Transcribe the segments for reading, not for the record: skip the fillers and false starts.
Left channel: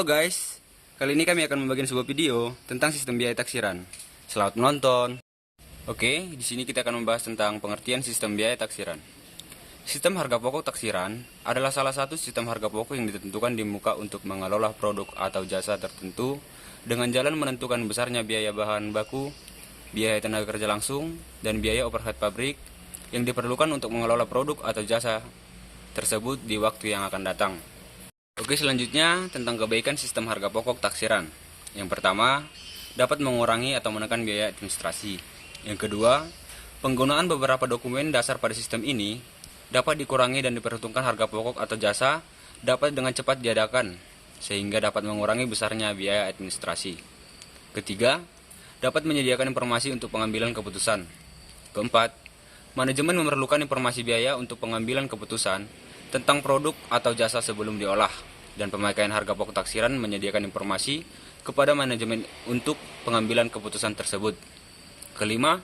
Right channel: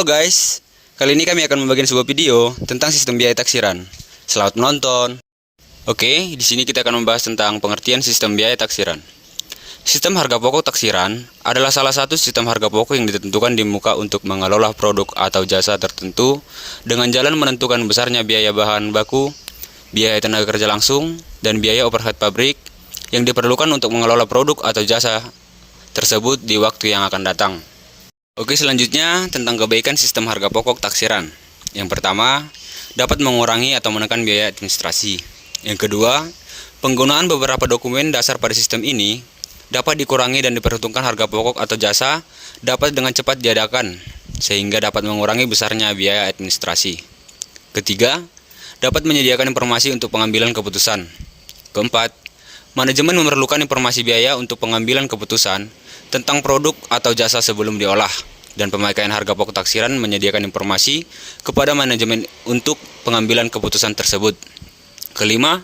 Halo guys, kali ini kami akan membagikan sebuah video tentang sistem biaya taksiran. Selamat menonton. Oke, di sini kita akan membahas tentang pengertian sistem biaya taksiran. Sistem harga pokok taksiran adalah salah satu sistem harga pokok yang ditentukan di muka untuk mengelola produk atau jasa tertentu dengan jalan menentukan besarnya biaya bahan baku, biaya tenaga kerja langsung, dan biaya overhead pabrik yang diperlukan untuk mengelola produk atau jasa tersebut di waktu yang akan datang. Oke, selanjutnya tentang kebaikan sistem harga pokok taksiran. Yang pertama, dapat mengurangi atau menekan biaya administrasi. Yang kedua, penggunaan beberapa dokumen dasar pada sistem ini dapat dikurangi dan diperhitungkan harga pokok atau jasa dapat dengan cepat diadakan, sehingga dapat mengurangi besarnya biaya administrasi. Ketiga, dapat menyediakan informasi untuk pengambilan keputusan. Keempat, manajemen memerlukan informasi biaya untuk pengambilan keputusan tentang produk atau jasa sebelum diolah, dan pemakaian harga pokok taksiran menyediakan informasi kepada manajemen untuk pengambilan keputusan tersebut. Kelima,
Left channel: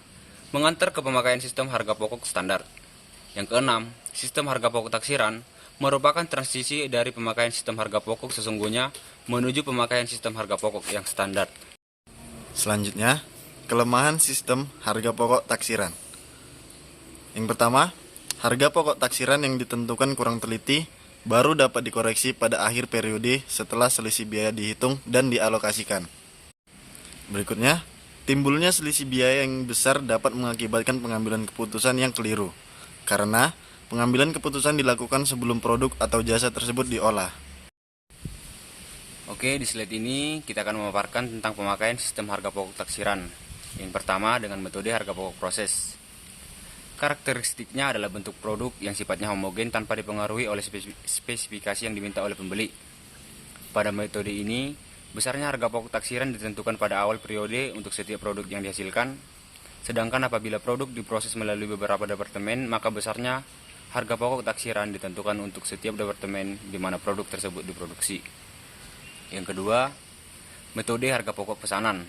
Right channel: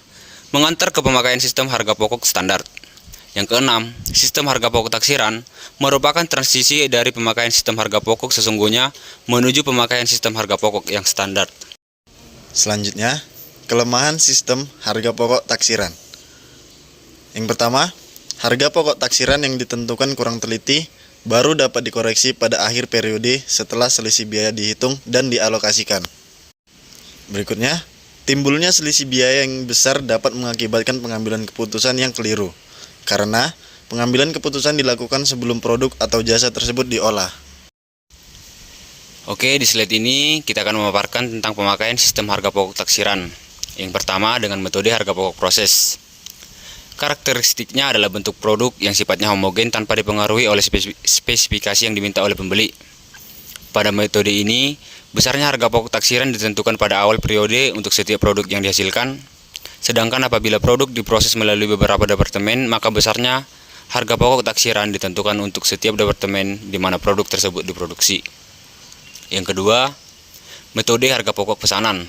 mengantar ke pemakaian sistem harga pokok standar. Yang keenam, sistem harga pokok taksiran merupakan transisi dari pemakaian sistem harga pokok sesungguhnya menuju pemakaian sistem harga pokok yang standar. Selanjutnya, kelemahan sistem harga pokok taksiran. Yang pertama, harga pokok taksiran yang ditentukan kurang teliti baru dapat dikoreksi pada akhir periode setelah selisih biaya dihitung dan dialokasikan. Berikutnya, timbulnya selisih biaya yang besar dapat mengakibatkan pengambilan keputusan yang keliru, karena pengambilan keputusan dilakukan sebelum produk atau jasa tersebut diolah. Oke, di slide ini kita akan memaparkan tentang pemakaian sistem harga pokok taksiran. Yang pertama, dengan metode harga pokok proses. Karakteristiknya adalah bentuk produk yang sifatnya homogen tanpa dipengaruhi oleh spesifikasi yang diminta oleh pembeli. Pada metode ini, besarnya harga pokok taksiran ditentukan pada awal periode untuk setiap produk yang dihasilkan. Sedangkan apabila produk diproses melalui beberapa departemen, maka besarnya harga pokok taksiran ditentukan untuk setiap departemen di mana produk tersebut diproduksi. Yang kedua, metode harga pokok pesanan.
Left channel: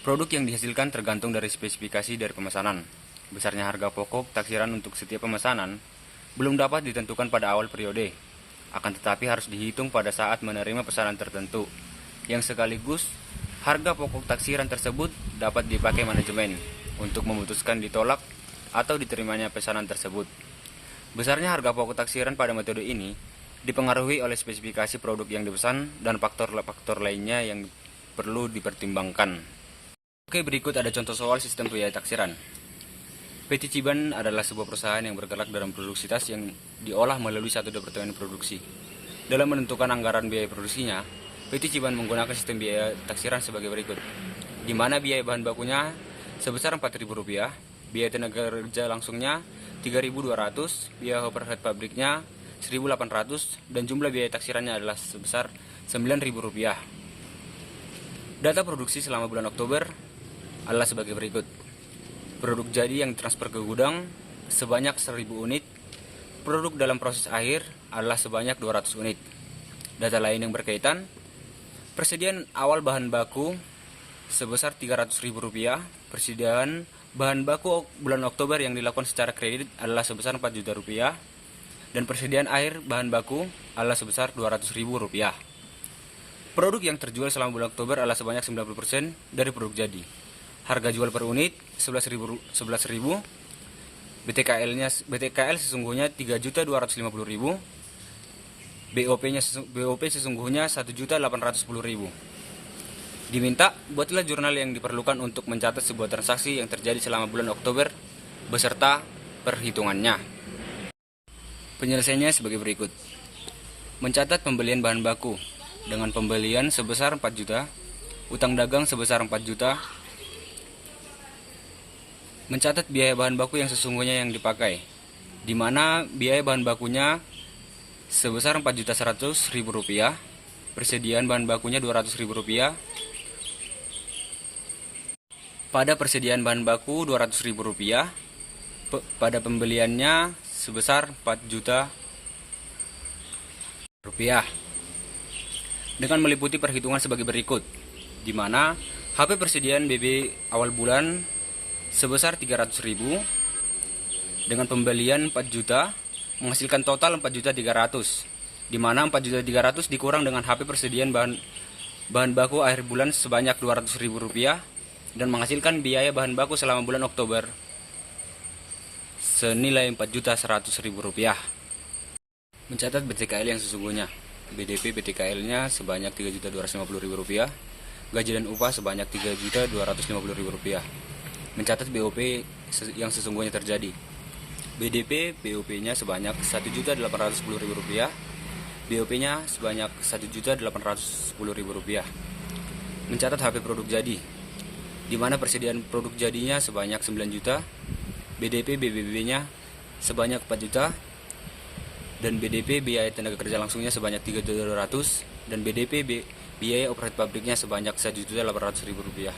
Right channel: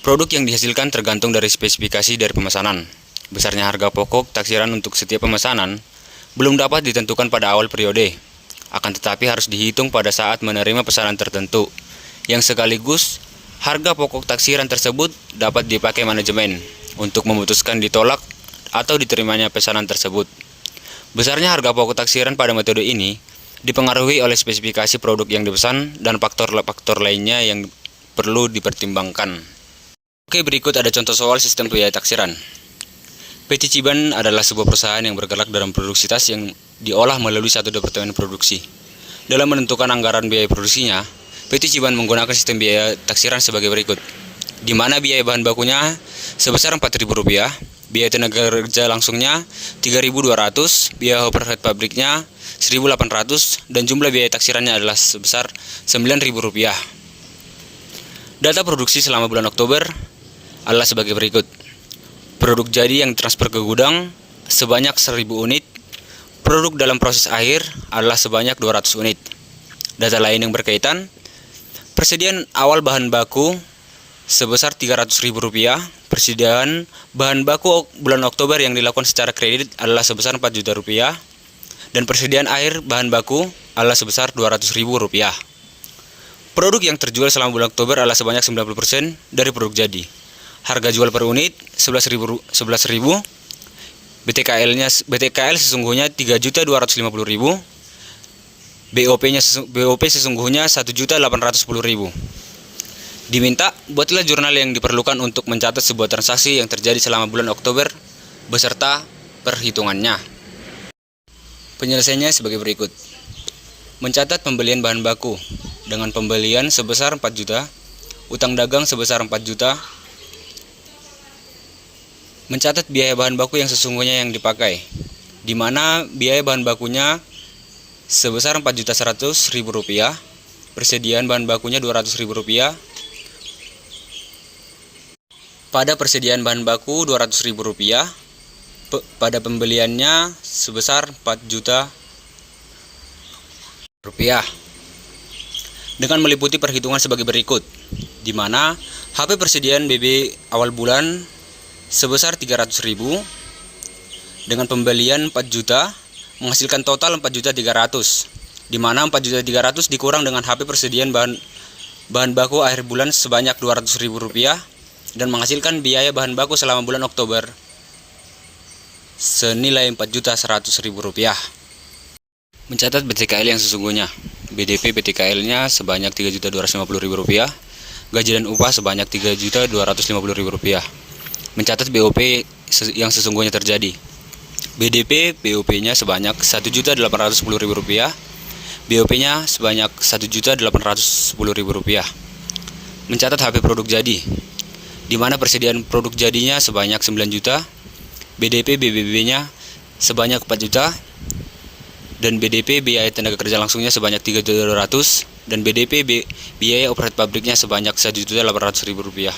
Produk yang dihasilkan tergantung dari spesifikasi dari pemesanan. Besarnya harga pokok taksiran untuk setiap pemesanan belum dapat ditentukan pada awal periode, akan tetapi harus dihitung pada saat menerima pesanan tertentu, yang sekaligus harga pokok taksiran tersebut dapat dipakai manajemen untuk memutuskan ditolak atau diterimanya pesanan tersebut. Besarnya harga pokok taksiran pada metode ini dipengaruhi oleh spesifikasi produk yang dipesan dan faktor-faktor lainnya yang perlu dipertimbangkan. Oke, berikut ada contoh soal sistem biaya taksiran. PT Ciban adalah sebuah perusahaan yang bergerak dalam produksi tas yang diolah melalui satu departemen produksi. Dalam menentukan anggaran biaya produksinya, PT Ciban menggunakan sistem biaya taksiran sebagai berikut, di mana biaya bahan bakunya sebesar Rp4.000, biaya tenaga kerja langsungnya Rp3.200, biaya overhead pabriknya Rp1.800, dan jumlah biaya taksirannya adalah sebesar Rp9.000. Data produksi selama bulan Oktober adalah sebagai berikut. Produk jadi yang transfer ke gudang sebanyak 1.000 unit. Produk dalam proses akhir adalah sebanyak 200 unit. Data lain yang berkaitan, persediaan awal bahan baku sebesar Rp300.000. Persediaan bahan baku bulan Oktober yang dilakukan secara kredit adalah sebesar Rp4 juta. Dan persediaan akhir bahan baku adalah sebesar Rp200.000. Produk yang terjual selama bulan Oktober adalah sebanyak 90% dari produk jadi. Harga jual per unit 11.000. BTKL sesungguhnya Rp3.250.000. BOP sesungguhnya Rp1.810.000. Diminta buatlah jurnal yang diperlukan untuk mencatat sebuah transaksi yang terjadi selama bulan Oktober beserta perhitungannya. Penyelesaiannya sebagai berikut. Mencatat pembelian bahan baku dengan pembelian sebesar 4 juta, utang dagang sebesar 4 juta. Mencatat biaya bahan baku yang sesungguhnya yang dipakai, di mana biaya bahan bakunya sebesar Rp4.100.000, persediaan bahan bakunya Rp200.000. Pada persediaan bahan baku Rp200.000, pada pembeliannya sebesar Rp4 juta. Dengan meliputi perhitungan sebagai berikut, di mana HP persediaan BB awal bulan sebesar Rp300.000 dengan pembelian 4 juta menghasilkan total 4.300.000 di mana 4.300.000 dikurang dengan HP persediaan bahan baku akhir bulan sebanyak Rp200.000 dan menghasilkan biaya bahan baku selama bulan Oktober senilai Rp4.100.000. Mencatat BTKL yang sesungguhnya. BDP BTKL-nya sebanyak Rp3.250.000, gaji dan upah sebanyak Rp3.250.000. Mencatat BOP yang sesungguhnya terjadi. BDP BOP-nya sebanyak Rp1.810.000, BOP-nya sebanyak Rp1.810.000. Mencatat HP produk jadi, di mana persediaan produk jadinya sebanyak 9 juta, BDP BBB-nya sebanyak 4 juta, dan BDP biaya tenaga kerja langsungnya sebanyak 3.200.000 dan BDP biaya overhead pabriknya sebanyak Rp1.800.000.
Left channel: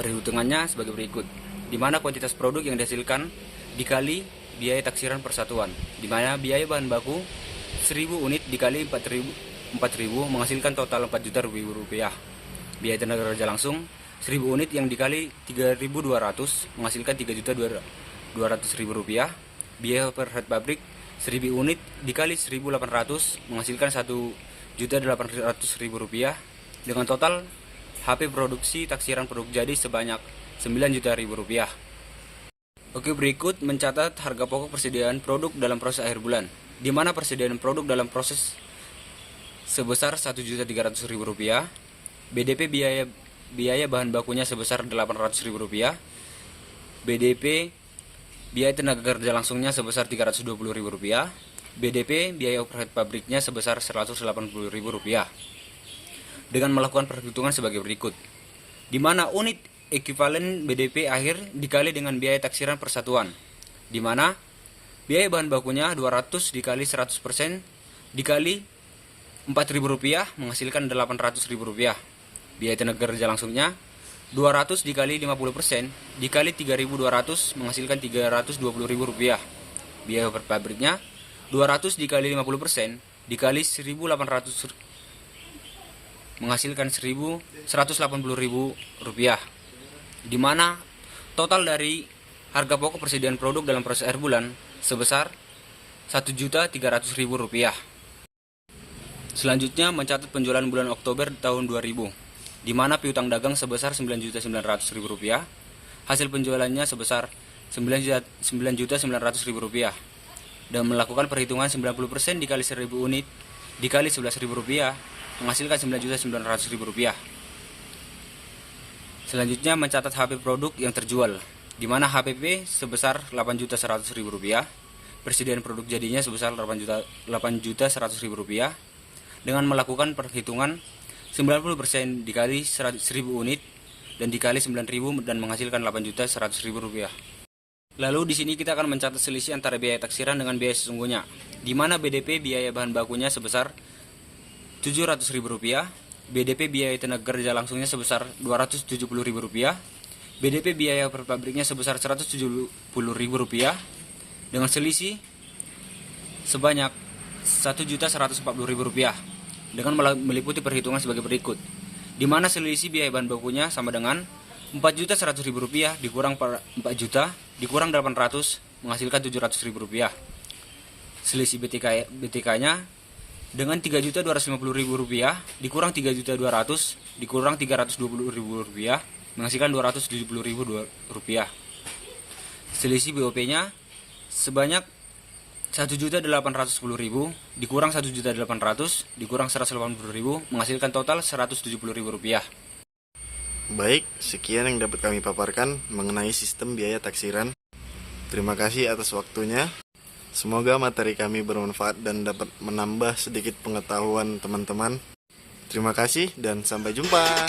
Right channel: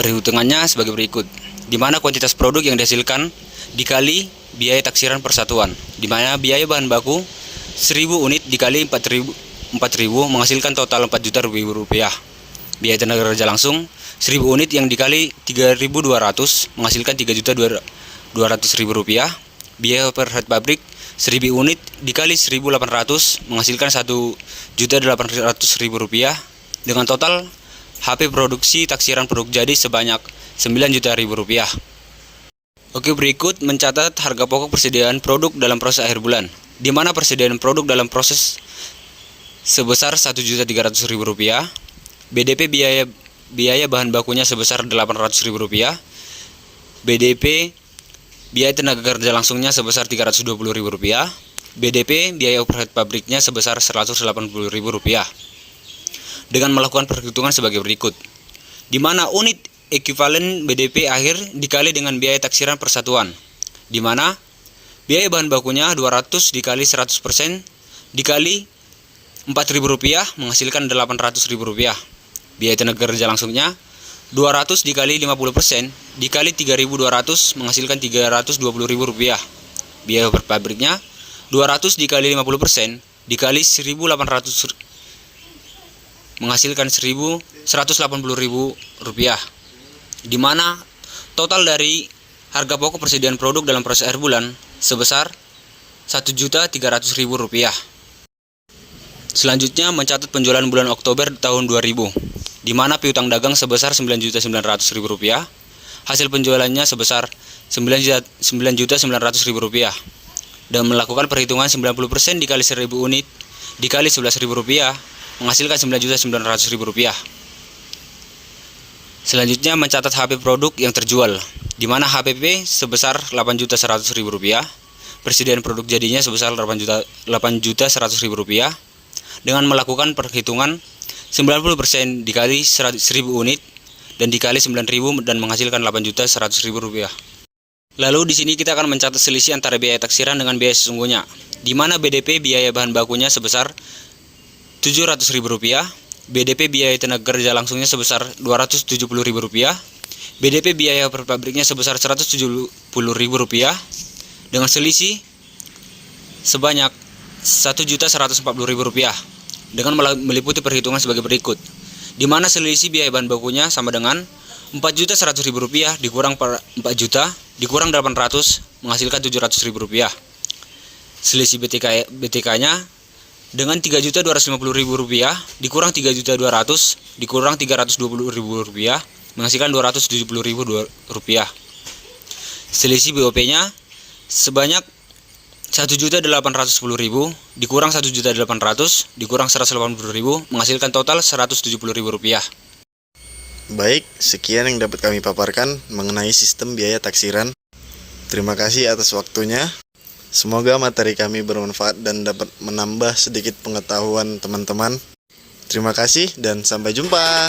Perhitungannya sebagai berikut, di mana kuantitas produk yang dihasilkan dikali biaya taksiran persatuan, di mana biaya bahan baku 1.000 unit dikali 4.000 menghasilkan total Rp4.000.000. Biaya tenaga kerja langsung 1.000 unit yang dikali 3.200 menghasilkan Rp3.200.000. Biaya overhead pabrik 1.000 unit dikali 1.800 menghasilkan Rp1.800.000 dengan total HP produksi taksiran produk jadi sebanyak Rp9 juta. Oke, berikut mencatat harga pokok persediaan produk dalam proses akhir bulan, di mana persediaan produk dalam proses sebesar Rp1.300.000, BDP biaya bahan bakunya sebesar Rp800.000, BDP biaya tenaga kerja langsungnya sebesar Rp320.000, BDP biaya overhead pabriknya sebesar Rp180.000. Dengan melakukan perhitungan sebagai berikut, di mana unit ekuivalen BDP akhir dikali dengan biaya taksiran persatuan, di mana biaya bahan bakunya 200 dikali 100% dikali Rp4.000 menghasilkan Rp800.000. Biaya tenaga kerja langsungnya 200 dikali 50% dikali 3.200 menghasilkan Rp320.000. Biaya per pabriknya 200 dikali 50% dikali 1.800 menghasilkan Rp180.000, di mana total dari harga pokok persediaan produk dalam proses akhir bulan sebesar Rp1.300.000. Selanjutnya mencatat penjualan bulan Oktober tahun 2000, di mana piutang dagang sebesar Rp9.900.000, hasil penjualannya sebesar Rp9.900.000, dan melakukan perhitungan 90% dikali 1.000 unit dikali Rp11.000 menghasilkan Rp9.900.000. Selanjutnya mencatat HP produk yang terjual, di mana HPP sebesar Rp8.100.000, persediaan produk jadinya sebesar Rp8.100.000, dengan melakukan perhitungan 90% dikali 1.000 unit dan dikali 9.000 dan menghasilkan Rp8.100.000. Lalu di sini kita akan mencatat selisih antara biaya taksiran dengan biaya sesungguhnya, di mana BDP biaya bahan bakunya sebesar Rp700.000, BDP biaya tenaga kerja langsungnya sebesar Rp270.000, BDP biaya per pabriknya sebesar Rp170.000 dengan selisih sebanyak Rp1.140.000 dengan meliputi perhitungan sebagai berikut, di mana selisih biaya bahan bakunya sama dengan Rp4.100.000 dikurang 4 juta dikurang 800 menghasilkan Rp700.000. Selisih BTK-nya dengan Rp3.250.000 dikurang Rp3.200.000 dikurang Rp320.000 menghasilkan Rp270.000. Selisih BOP-nya sebanyak Rp1.810.000 dikurang Rp1.800.000 dikurang Rp180.000 menghasilkan total Rp170.000. Baik, sekian yang dapat kami paparkan mengenai sistem biaya taksiran. Terima kasih atas waktunya. Semoga materi kami bermanfaat dan dapat menambah sedikit pengetahuan teman-teman. Terima kasih dan sampai jumpa.